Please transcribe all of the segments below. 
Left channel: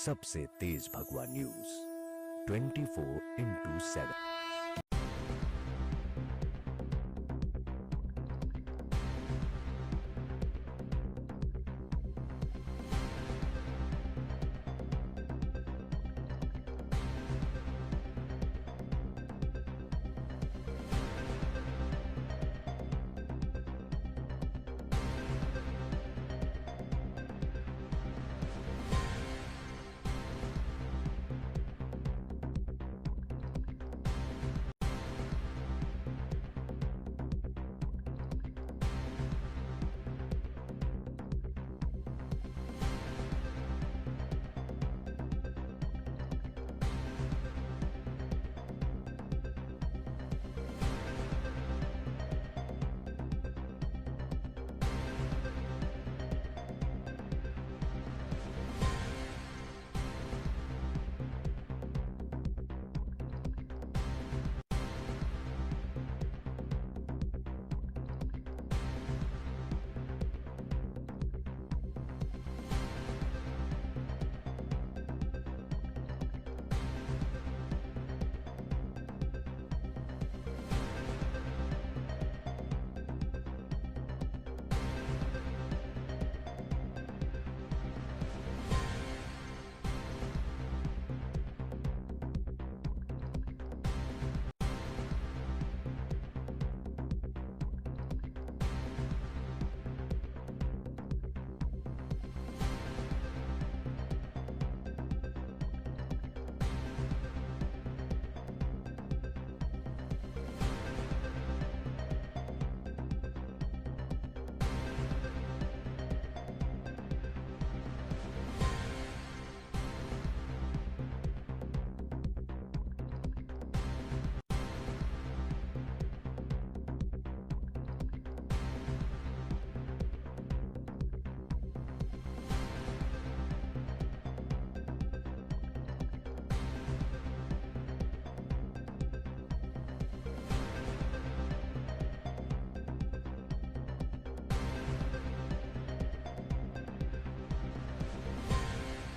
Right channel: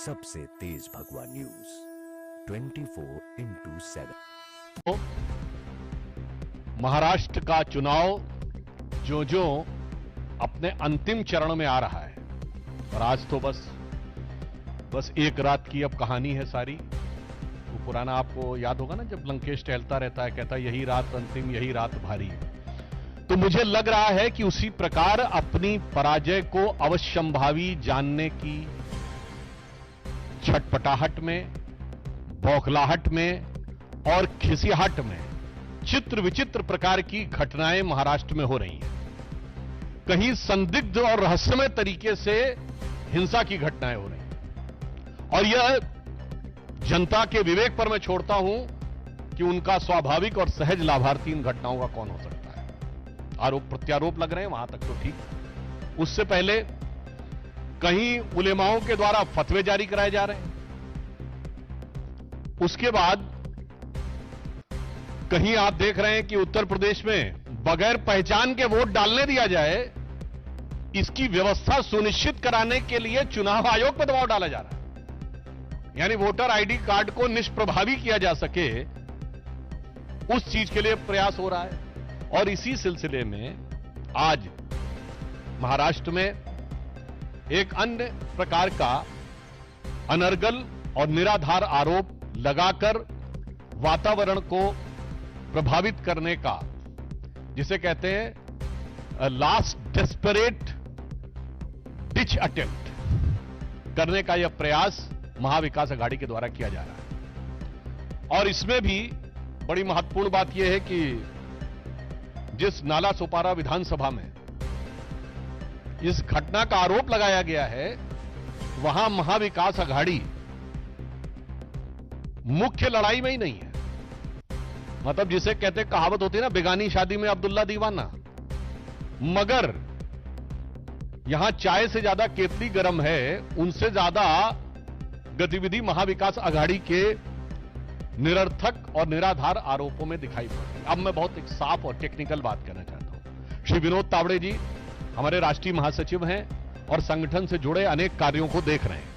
सबसे तेज भगवा news 24x7। Maharashtra का चुनाव जो अपने अंतिम चरण में आ रहा है और आज तो बस एक रात की अब कहानी है सारी। वो पुराना आपको याद होगा ना, जब लंकेश टहलता रहता है, कहता है यही रात अंतिम, यही रात भारी। तो मुझे लग रहा है कि उसी प्रकार अपनी पराजय को अवश्यंभावी जानने की छटपटाहट में, बौखलाहट में और खिसियाहट में चित्र विचित्र प्रकार की घटनाएं महाराष्ट्र में हो रही हैं। कहीं संदिग्ध और रहस्यमय तरीके से हिंसा की घटनाएं हो रही हैं और यह जनता के विवेक पर मैं छोड़ता हूं कि उनका स्वाभाविक और सहज लाभार्थी इन घटनाओं का कौन हो सकता है। आरोप प्रत्यारोप लग रहे हैं, वहां तक तो ठीक है। उससे पहले कहीं उलेमाओं के द्वारा फतवे जारी कराए जा रहे हैं, उसके बाद कहीं आप देख रहे हैं कि उत्तर प्रदेश में बगैर पहचान के वोट डालने दिया जाए, इसकी व्यवस्था सुनिश्चित कराने के लिए चुनाव आयोग पर दबाव डाला जा रहा है। यानी वोटर आईडी कार्ड को निष्प्रभावी किया जा सके, उस चीज के लिए प्रयास हो रहा है। और इसी सिलसिले में आज महाराष्ट्र में एक अन्य प्रकार का अनर्गल और निराधार आरोप लगाकर वातावरण को प्रभावित करने का, जिसे कहते हैं लास्ट डेस्परेट डिच अटेम्प्ट करने का यह प्रयास महाविकास अघाड़ी के द्वारा किया जा रहा है। और इसमें भी बड़ी महत्वपूर्ण बात यह है कि जिस नाला सोपारा विधानसभा में इस घटना का आरोप लगाया गया है, वहां महाविकास अघाड़ी मुख्य लड़ाई में ही नहीं है। मतलब जिसे कहते कहावत होती है ना, बेगानी शादी में अब्दुल्ला दीवाना। मगर यहां चाय से ज्यादा केतली गर्म है, उनसे ज्यादा गतिविधि महाविकास अघाड़ी के निरर्थक और निराधार आरोपों में दिखाई पड़ती है। अब मैं बहुत एक साफ और टेक्निकल बात करना चाहता हूं। श्री विनोद तावड़े जी हमारे राष्ट्रीय महासचिव हैं और संगठन से जुड़े अनेक कार्यों को देख रहे हैं।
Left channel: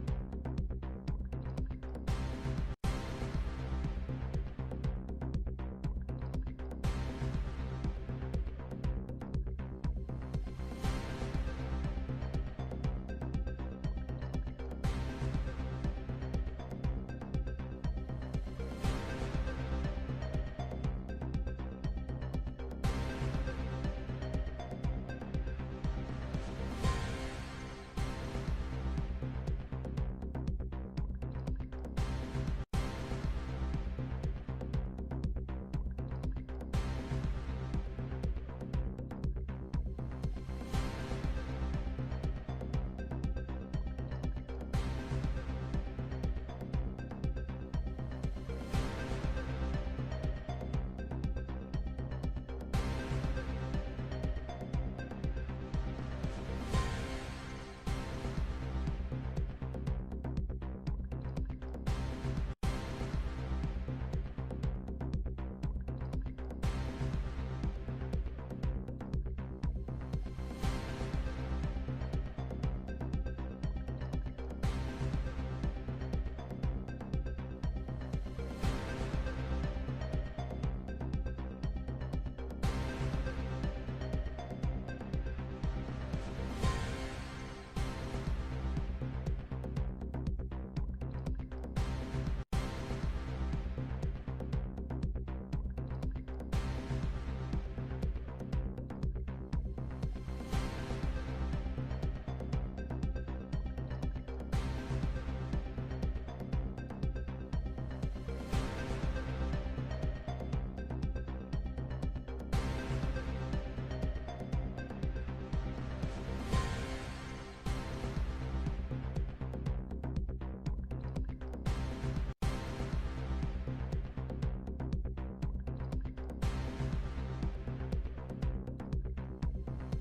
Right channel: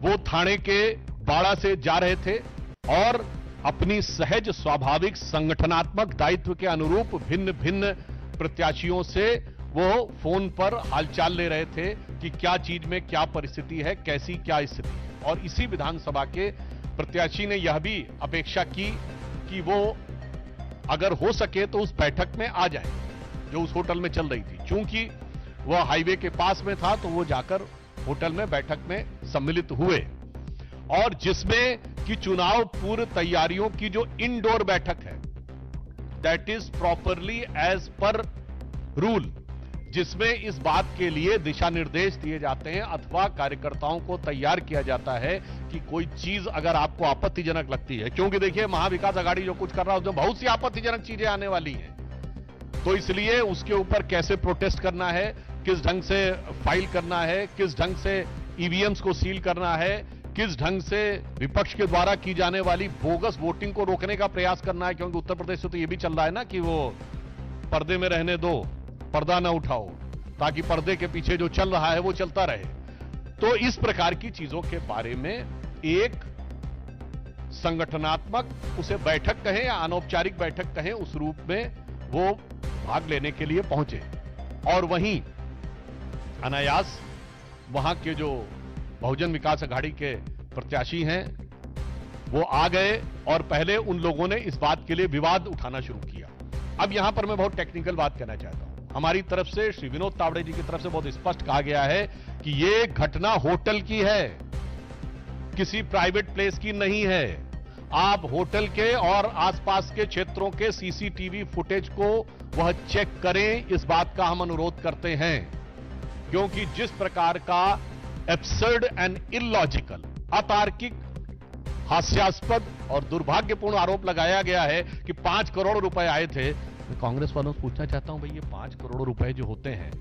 वो थाने के बाड़ा से जा रहे थे और अपनी सहज स्वाभाविक संगठनात्मक दायित्व के अनुरूप भिन्न भिन्न प्रत्याशियों से वो फोन पर हालचाल ले रहे थे कि क्या चीज में क्या परिस्थिति है, कैसी क्या स्थिति है। और इसी विधानसभा के प्रत्याशी ने यह भी अपेक्षा की कि वो अगर हो सके तो उस बैठक में आ जाए जो उस होटल में चल रही थी। चूंकि वह हाईवे के पास में था तो वो जाकर होटल में बैठक में सम्मिलित हुए, और जिसमें कि चुनाव पूर्व तैयारियों की जो इंडोर बैठक है, that is properly as per rule, जिसमें इस बात के लिए दिशा निर्देश दिए जाते हैं अथवा कार्यकर्ताओं को तैयार किया जाता है कि कोई चीज अगर आपको आपत्तिजनक लगती है, क्योंकि देखिए महाविकास अघाड़ी जो कुछ कर रहा है उसमें बहुत सी आपत्तिजनक चीजें आने वाली हैं, तो इसलिए उसके ऊपर कैसे प्रोटेस्ट करना है, किस ढंग से फाइल करना है, किस ढंग से ईवीएम्स को सील करना है, किस ढंग से विपक्ष के द्वारा की जाने वाली बोगस वोटिंग को रोकने का प्रयास करना है। क्योंकि उत्तर प्रदेश से तो यह भी चल रहा है ना कि वो पर्दे में रहने दो, पर्दा ना उठाओ, ताकि पर्दे के पीछे जो चल रहा है वो चलता रहे। तो इस प्रकार की चीजों के बारे में एक संगठनात्मक, उसे बैठक कहें या अनौपचारिक बैठक कहें, उस रूप में वो भाग लेने के लिए पहुंचे। और वहीं अनायास वहां के जो बहुजन विकास अघाड़ी के प्रत्याशी हैं वो आ गए और पहले उन लोगों ने इस बात के लिए विवाद उठाना शुरू किया। अब यहां पर मैं बहुत टेक्निकल बात कहना चाहता हूं। हमारी तरफ से, श्री विनोद तावड़े जी की तरफ से बहुत स्पष्ट कहा गया है कि ये घटना होटल की है, किसी प्राइवेट प्लेस की नहीं है। आप होटल के और आसपास के क्षेत्रों के सीसीटीवी फुटेज को वह चेक करें, इस बात का हम अनुरोध करते हैं। क्योंकि जिस प्रकार का एब्सर्ड एंड इलॉजिकल, अतार्किक, हास्यास्पद और दुर्भाग्यपूर्ण आरोप लगाया गया है कि 5 करोड़ रुपए आए थे। मैं कांग्रेस वालों से पूछना चाहता हूं, भाई ये 5 करोड़ रुपए जो होते हैं,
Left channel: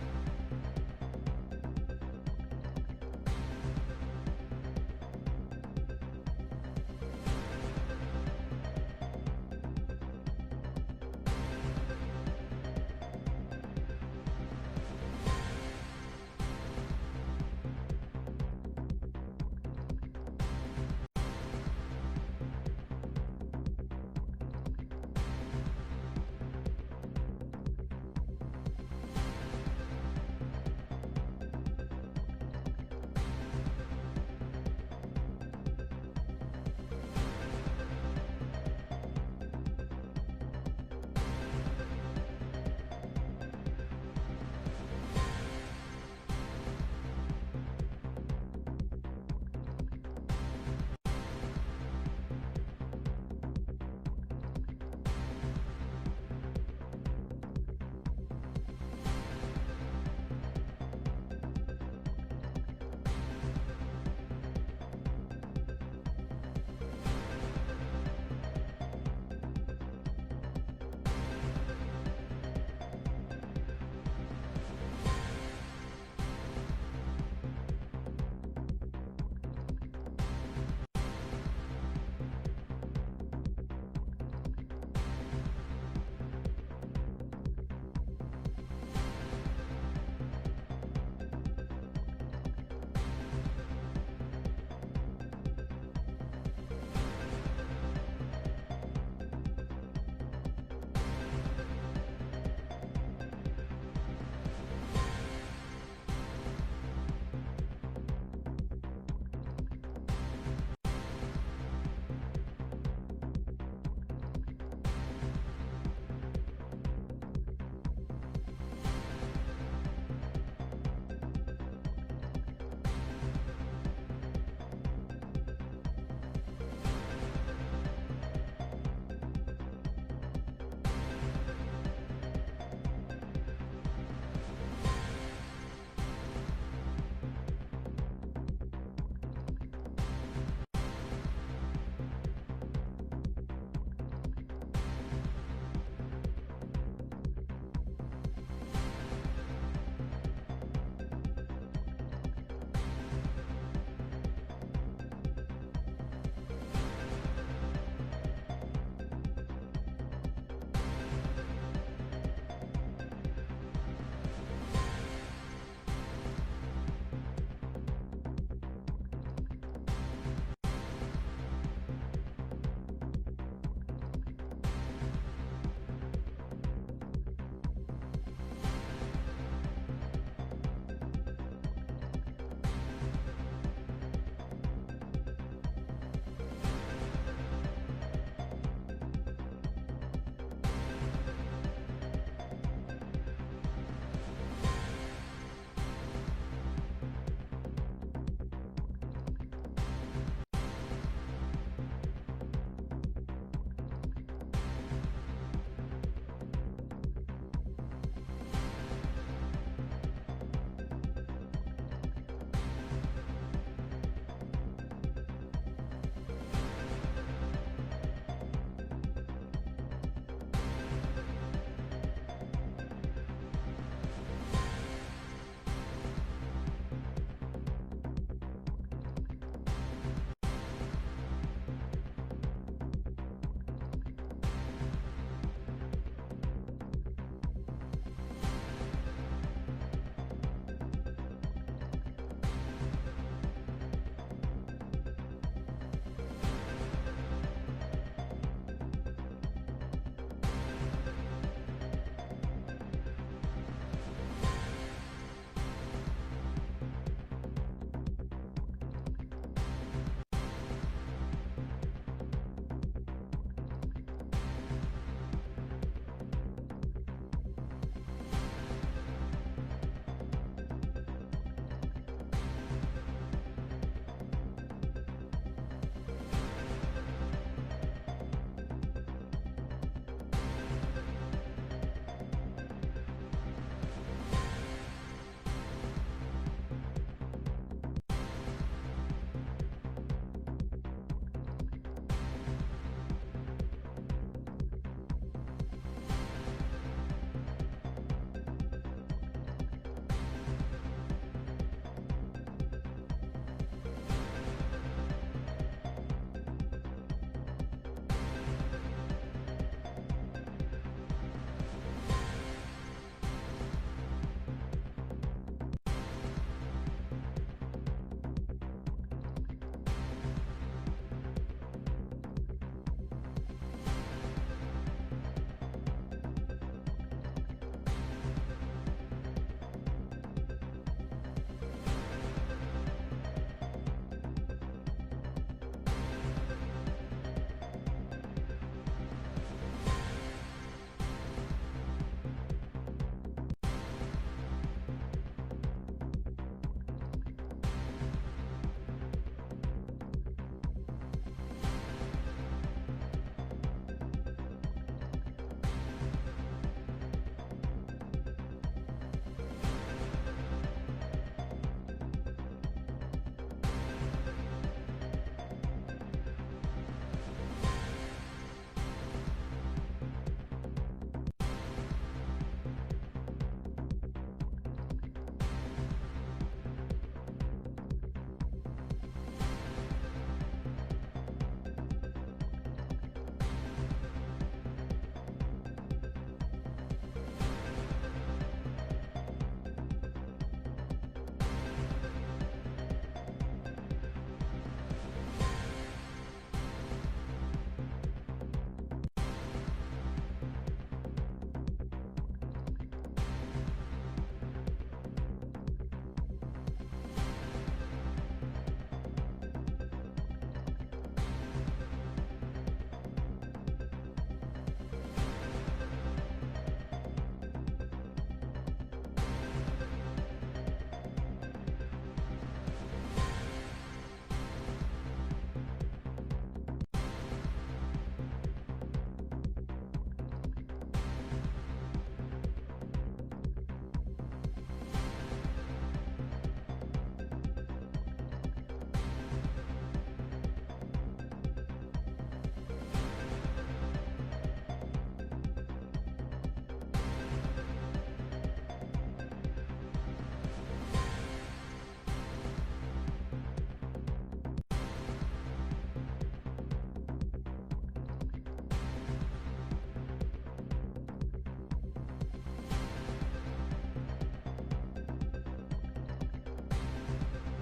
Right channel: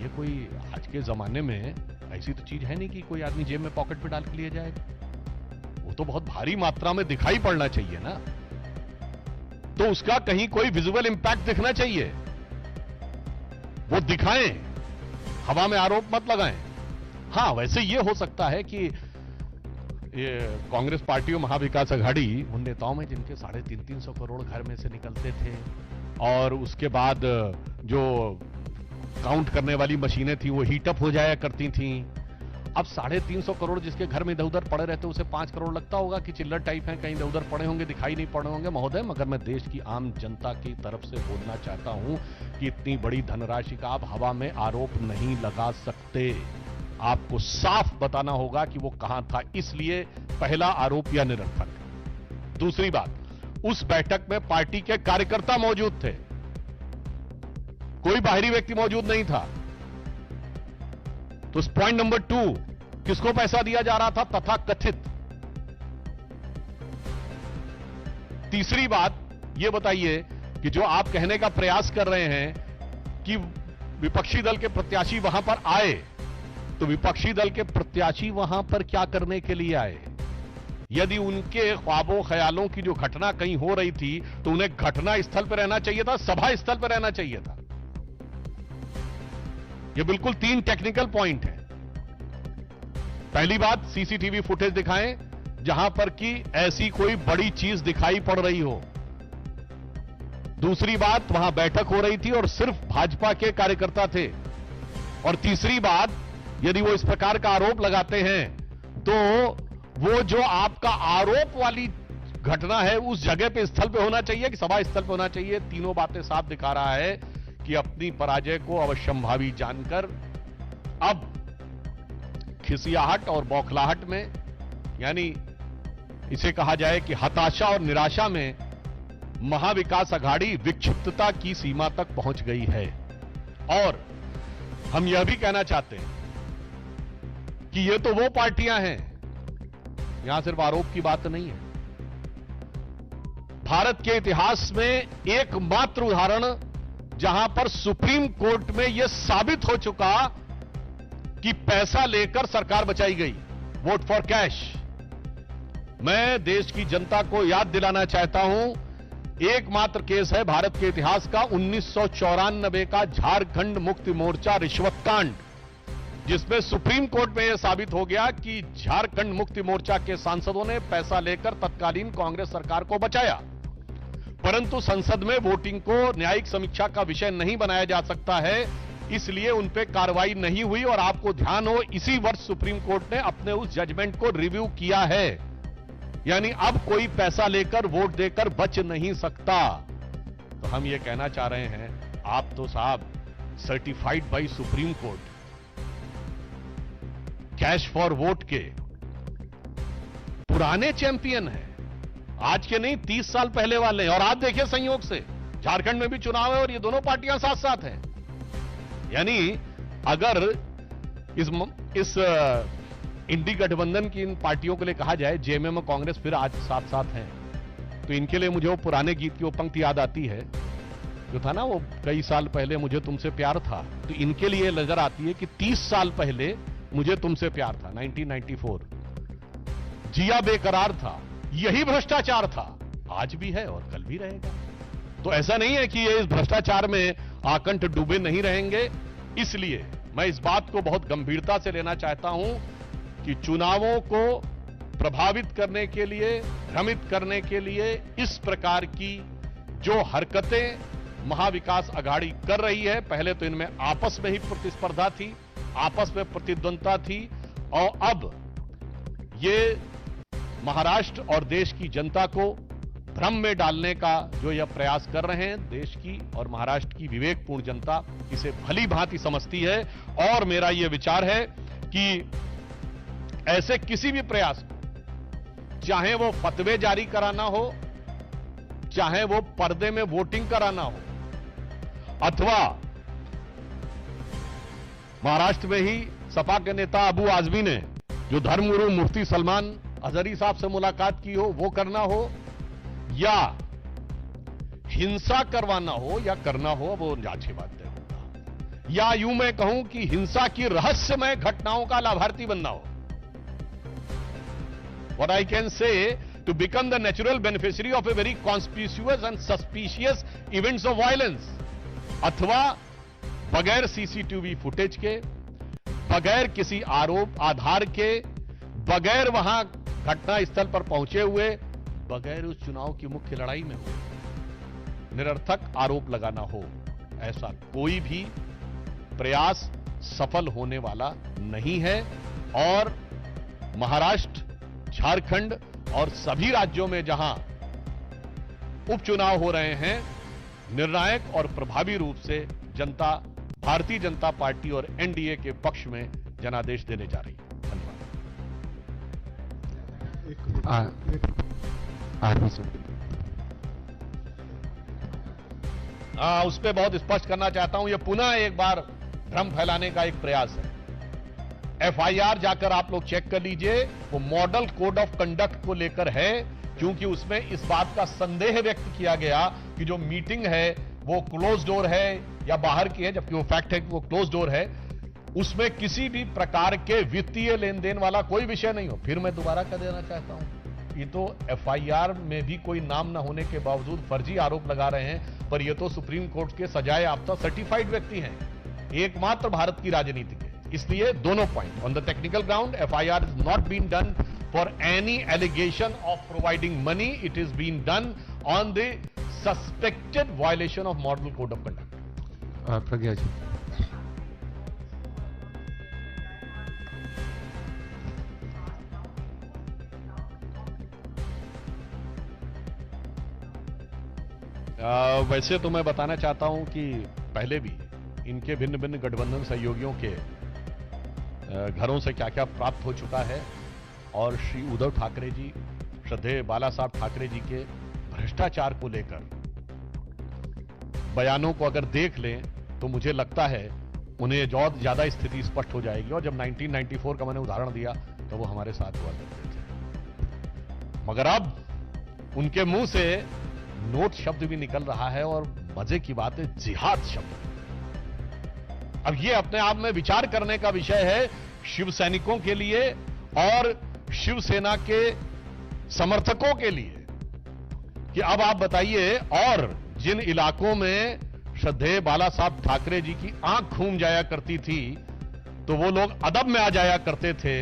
ये कोई आज के जमाने में ऐसी तो चीज है नहीं कि कोई आदमी जेब में पॉकेट में डाल के लिए जाएगा। वो तो बहुत भारी मात्रा में दिखाई पड़ना चाहिए ना, तो उसका कहीं कोई विजुअल इंपैक्ट दिखना चाहिए, वो दिखाएं, हवा में आरोप मत लगाएं। हाँ, वैसे ये हो सकता है कि ये कांग्रेस पार्टी और महाविकास आघाड़ी उन नेताओं में जिनके 350 करोड़ घर में से निकलते थे, और उसके बाद जो काउंट करने वाली मशीनें थी वो हीटअप हो जाया करती थी। अब 350 करोड़ जिसके घर में इधर उधर पड़े रहते, उसे 5 करोड़ लगता होगा कि चिल्लर टाइप है, कहीं इधर उधर पड़े होंगे, दिखाई नहीं पड़े होंगे। महोदय, मगर मैं देश की आम जनता की तरफ से बोलना चाहता हूं कि इतनी बड़ी धनराशि का आप हवा में आरोप नहीं लगा सकते। आपको साफ बताना होगा कि वो कहां था। इसलिए पहला आरोप या निरर्थक। दूसरी बात, उस बैठक में पार्टी के कार्यकर्ता मौजूद थे, कोई बाहरी व्यक्ति मौजूद नहीं था। तो पॉइंट नंबर 2, किसको पैसा दिया जा रहा था तथा कथित। तीसरी बात यह बताइए कि जो आप कहने का प्रयास कर रहे हैं कि विपक्षी दल के प्रत्याशी वहां पर आए, तो विपक्षी दल के प्रत्याशी वहां पर क्या करने के लिए आए? यदि उनके ख्वाबों ख्यालों की जो घटना कहीं हो रही थी, तो उन्हें घटना स्थल पर रहना चाहिए था, सभा स्थल पर रहना चाहिए था। ये बिल्कुल 3 टेक्निकल पॉइंट है। पहली बात, सीसीटीवी फुटेज दिखाएं जहां पर कि ऐसी कोई बड़ी चीज दिखाई पड़ रही हो। दूसरी बात, वहां बैठक हो रही थी और सिर्फ भाजपा के कार्यकर्ता थे। और तीसरी बात, यदि वो इस प्रकार का आरोप लगाते हैं, तो वो जो आपका आरोप वाली घटना है उस जगह पे स्थल पे होना चाहिए कि सभा स्थल पे होना चाहिए। तीनों बातें साफ दिखा रहा है कि अपनी पराजय को अवश्यंभावी जानकर अब खिसियाहट और बौखलाहट में, यानी इसे कहा जाए कि हताशा और निराशा में, महाविकास आघाड़ी विक्षिप्तता की सीमा तक पहुंच गई है। और हम यह भी कहना चाहते हैं कि ये तो वो पार्टियां हैं, यहां सिर्फ आरोप की बात नहीं है। भारत के इतिहास में एकमात्र उदाहरण जहां पर सुप्रीम कोर्ट में यह साबित हो चुका कि पैसा लेकर सरकार बचाई गई, वोट फॉर कैश। मैं देश की जनता को याद दिलाना चाहता हूं, एकमात्र केस है भारत के इतिहास का 1994 का झारखंड मुक्ति मोर्चा रिश्वत कांड, जिसमें सुप्रीम कोर्ट में यह साबित हो गया कि झारखंड मुक्ति मोर्चा के सांसदों ने पैसा लेकर तत्कालीन कांग्रेस सरकार को बचाया। परंतु संसद में वोटिंग को न्यायिक समीक्षा का विषय नहीं बनाया जा सकता है, इसलिए उन पे कार्रवाई नहीं हुई। और आपको ध्यान हो, इसी वर्ष सुप्रीम कोर्ट ने अपने उस जजमेंट को रिव्यू किया है, यानी अब कोई पैसा लेकर वोट देकर बच नहीं सकता। तो हम ये कहना चाह रहे हैं, आप तो साहब certified by supreme court cash for vote के पुराने चैंपियन हैं, आज के नहीं 30 साल पहले वाले। और आप देखिए, संयोग से झारखंड में भी चुनाव है और ये दोनों पार्टियां साथ साथ हैं। यानी अगर इस इंडी गठबंधन की इन पार्टियों के लिए कहा जाए जेएमएम और कांग्रेस फिर आज साथ साथ हैं, तो इनके लिए मुझे वो पुराने गीत की वो पंक्ति याद आती है जो था ना, वो कई साल पहले मुझे तुमसे प्यार था। तो इनके लिए नजर आती है कि 30 साल पहले मुझे तुमसे प्यार था, 1994। जिया बेकरार था, यही भ्रष्टाचार था, आज भी है और कल भी रहेगा। तो ऐसा नहीं है कि ये इस भ्रष्टाचार में आकंठ डूबे नहीं रहेंगे। इसलिए मैं इस बात को बहुत गंभीरता से लेना चाहता हूं कि चुनावों को प्रभावित करने के लिए, भ्रमित करने के लिए इस प्रकार की जो हरकतें महाविकास आघाड़ी कर रही है, पहले तो इनमें आपस में ही प्रतिस्पर्धा थी, आपस में प्रतिद्वंदता थी, और अब ये महाराष्ट्र और देश की जनता को भ्रम में डालने का जो यह प्रयास कर रहे हैं, देश की और महाराष्ट्र की विवेकपूर्ण जनता इसे भली भांति समझती है। और मेरा यह विचार है कि ऐसे किसी भी प्रयास, चाहे वो फतवे जारी कराना हो, चाहे वो पर्दे में वोटिंग कराना हो, अथवा महाराष्ट्र में ही सपा के नेता अबू आजमी ने जो धर्मगुरु मुफ्ती सलमान अजहरी साहब से मुलाकात की हो, वो करना हो, या हिंसा करवाना हो या करना हो, वो जांच की बात है, या यूं मैं कहूं कि हिंसा की रहस्यमय घटनाओं का लाभार्थी बनना हो। What I can say, to become the natural beneficiary of a very conspicuous and suspicious events of violence, अथवा बगैर सीसीटीवी फुटेज के, बगैर किसी आरोप आधार के, बगैर वहां घटना स्थल पर पहुंचे हुए, बगैर उस चुनाव की मुख्य लड़ाई में निरर्थक आरोप लगाना हो, ऐसा कोई भी प्रयास सफल होने वाला नहीं है। और महाराष्ट्र, झारखंड और सभी राज्यों में जहां उपचुनाव हो रहे हैं, निर्णायक और प्रभावी रूप से जनता भारतीय जनता पार्टी और एनडीए के पक्ष में जनादेश देने जा रही है। उस पर बहुत स्पष्ट करना चाहता हूं, यह पुनः एक बार भ्रम फैलाने का एक प्रयास है। एफआईआर जाकर आप लोग चेक कर लीजिए, वो मॉडल कोड ऑफ कंडक्ट को लेकर है, क्योंकि उसमें इस बात का संदेह व्यक्त किया गया कि जो मीटिंग है वो क्लोज डोर है या बाहर की है, जबकि वो फैक्ट है कि वो क्लोज डोर है। उसमें किसी भी प्रकार के वित्तीय लेन देन वाला कोई विषय नहीं हो। फिर मैं दोबारा कर देना चाहता हूं, ये तो एफआईआर में भी कोई नाम न होने के बावजूद फर्जी आरोप लगा रहे हैं, पर ये तो सुप्रीम कोर्ट के सजाए याफ्ता सर्टिफाइड व्यक्ति हैं, एकमात्र भारत की राजनीति के। इसलिए दोनों point, on the technical ground FIR is not been done for any allegation of providing money, it is been done on the suspected violation of model code of conduct. Pragya ji, वैसे तो मैं बताना चाहता हूं कि पहले भी इनके भिन्न भिन्न गठबंधन सहयोगियों के घरों से क्या क्या प्राप्त हो चुका है, और श्री उद्धव ठाकरे जी, श्रद्धेय बाला साहब ठाकरे जी के भ्रष्टाचार को लेकर बयानों को अगर देख लें तो मुझे लगता है उन्हें ज्यादा स्थिति स्पष्ट हो जाएगी। और जब 1994 का मैंने उदाहरण दिया तो वो हमारे साथ हुआ करते थे, मगर अब उनके मुंह से नोट शब्द भी निकल रहा है, और मजे की बात है जिहाद शब्द। अब ये अपने आप में विचार करने का विषय है शिव सैनिकों के लिए और शिवसेना के समर्थकों के लिए, कि अब आप बताइए, और जिन इलाकों में श्रद्धेय बाला साहब ठाकरे जी की आंख घूम जाया करती थी तो वो लोग अदब में आ जाया करते थे,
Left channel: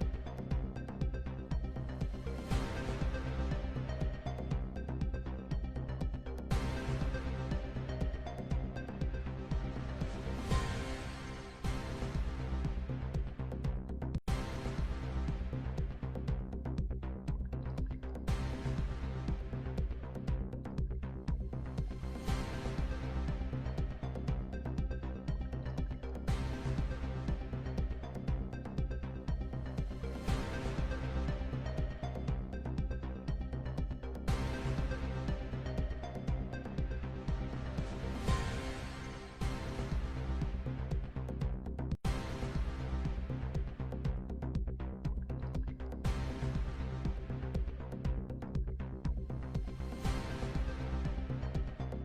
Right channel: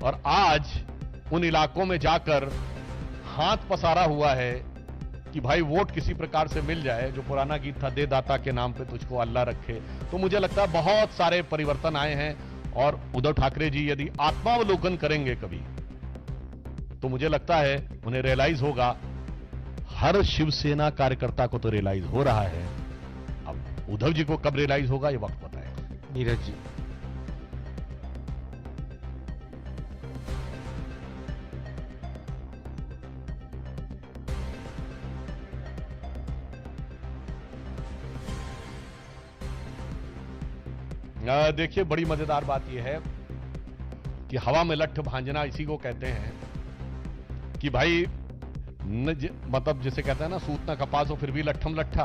और आज उन इलाकों में जाकर हाथ पसारा हुआ है कि भाई वोट किसी प्रकार से मिल जाए। जो पुराना गीत था, दे दाता के नाम पे तुझको अल्लाह रखे। तो मुझे लगता है बहुत सारे परिवर्तन आए हैं, और उद्धव ठाकरे जी यदि आत्मावलोकन करेंगे कभी, तो मुझे लगता है उन्हें रियलाइज होगा, हर शिवसेना कार्यकर्ता को तो रियलाइज हो रहा है, अब उद्धव जी को कब रियलाइज होगा ये वक्त बताएगा। नीरज जी, देखिए, बड़ी मजेदार बात यह है कि हवा में लट्ठ भांजना इसी को कहते हैं कि भाई मतलब जिसे कहते हैं ना, सूत ना कपास हो फिर भी लट्ठम लट्ठा।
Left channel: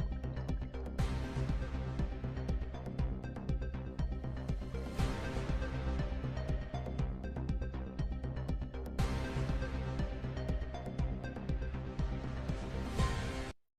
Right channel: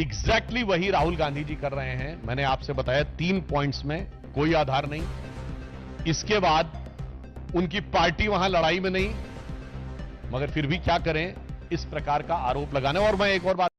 एग्जैक्टली वही राहुल गांधी जी कर रहे हैं। मैंने आपसे बताया 3 पॉइंट्स में कोई आधार नहीं, इसके बाद उनकी पार्टी वहां लड़ाई में नहीं, मगर फिर भी क्या करें, इस प्रकार का आरोप लगाने। और मैं एक और बात